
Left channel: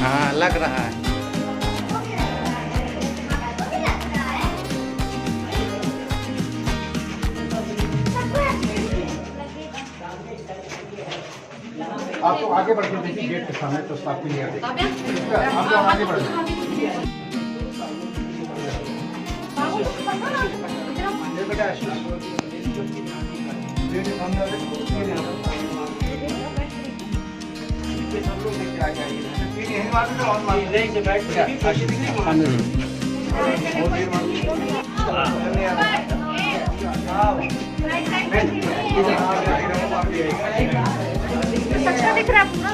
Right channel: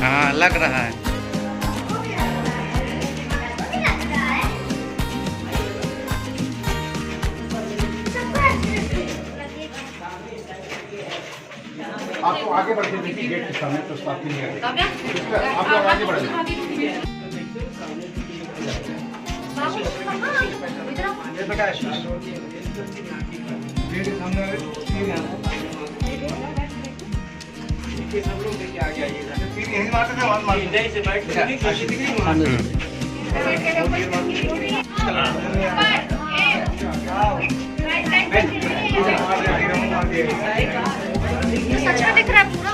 हाँ लग रहा है। आपको आगे बढ़ के देखिए गेट के सामने तो स्टाफ नहीं है, आप लोग आगे बढ़ जाइए। बेटा आशीष गेट के सामने हम लोग लेके आगे आइए, यहीं मारते थे वहाँ मारते थे। आशीष दिख रही अच्छा दिख रहा है पूरा।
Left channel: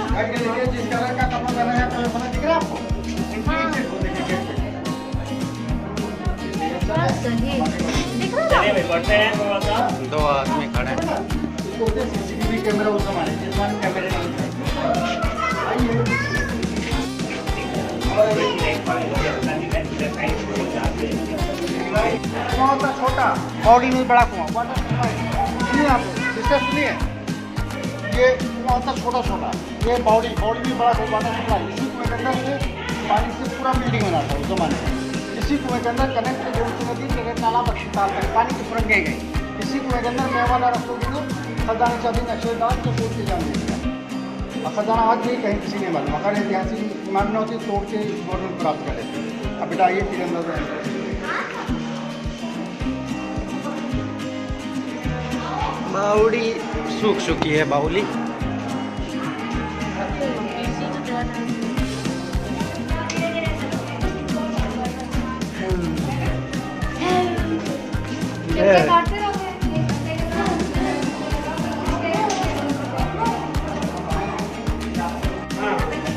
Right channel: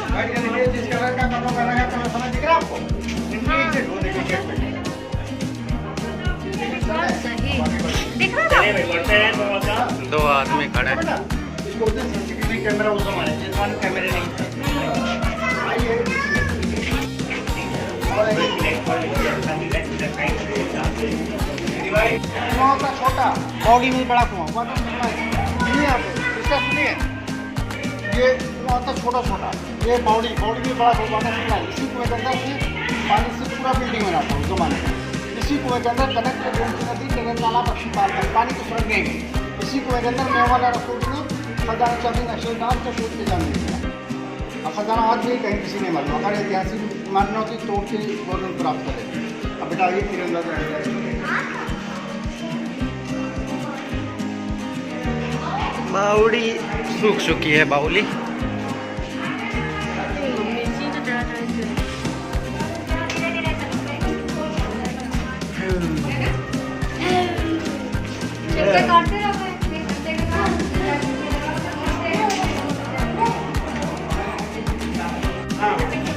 जिस कलर का कपड़ा पहना है कलर समझ दिख रहा है आपको? वो देखिए गेट पे। सही दिख रहा है। दो आदमी खड़े हैं। इसको बोलते हैं सीसीटीवी कैमरा, उस हमारे जिसमें कैमरे नहीं थे। आइए कुआं होता छोटा, बॉडी में बड़ा कुआं, वाटर सप्लाई। सुनिए आप, इसका सुनिए, ये कुआं होता छोटा छोटा, ये बॉडी में बड़ा वाटर सप्लाई। इसी कुएं के अंदर से पानी से पूरा बिल्डिंग बनाता है उस जमाने में। इसी कुएं के अंदर कनेक्ट नदी जगह तालाब अस्पताल तक पानी की सुरंगें गई। इसी कुएं के अंदर मेवाला रसोई ने खजाना चाबी नक्शेदार को शोध के जान दिया। और खजाना आज भी कहीं किसी ने मालूम, अगर ऐतिहासिक मान्य होती तोड़ के गवर्नमेंट प्राप्त कर लेती। अब बेटा ये तिरंगा बावड़ी सूख चुकी है बाउली।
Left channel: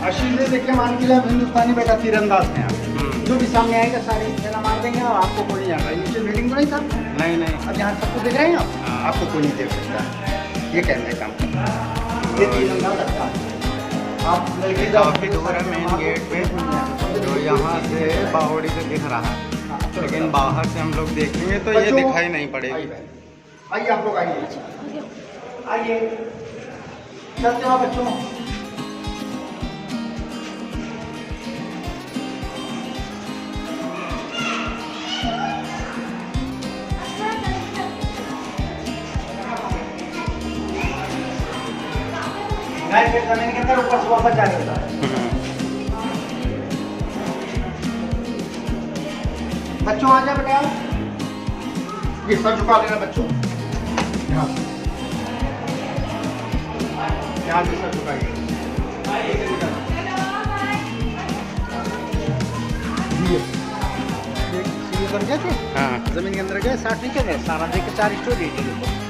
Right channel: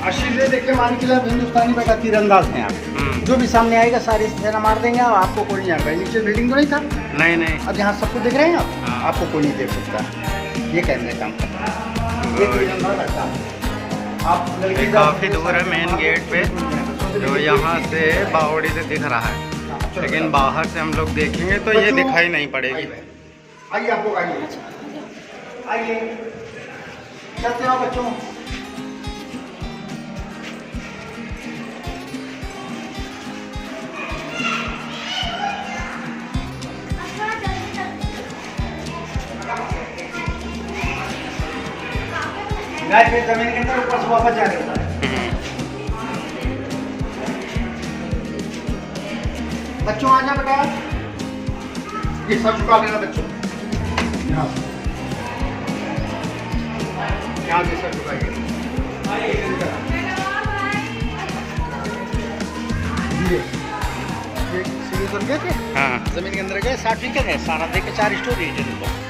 आशीष ने देखिए मान के हिंदुस्तानी बेटा तीरंदाज हैं यहाँ। जो भी सामने आएगा सारी सेना मार देंगे और आपको कोई नहीं जाएगा। नीचे बिल्डिंग तो नहीं था, नहीं नहीं, अब यहाँ सबको देख रहे हैं आप, हाँ। आपको कोई नहीं देख सकता। ये कैमरे काम करता है, ये तीरंदाज लगता है। आप ये काफी दूर है मेन गेट पे, जो यहाँ से बावड़ी से दिख रहा है, लेकिन बाहर से हम लोग देखेंगे तो ये दिखाई नहीं पड़ेगी। आइए आप लोग आइए, आइए चलते हो बच्चों। फिर जमीन के अंदर ऊपर से वापस जा रहे हैं। बच्चों आ जा बेटा, ये सर झुका लेना बच्चों, यहाँ से सर झुकाइए। ये सीढ़ी उतर गए थे, हाँ जमीन के अंदर गए, साफ ठीक है, सारा देख के 4 स्टोरी है ऊपर।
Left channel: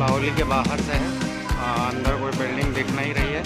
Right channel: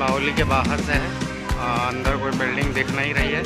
बाहुली के बाहर से है, अंदर कोई बिल्डिंग दिख नहीं रही है।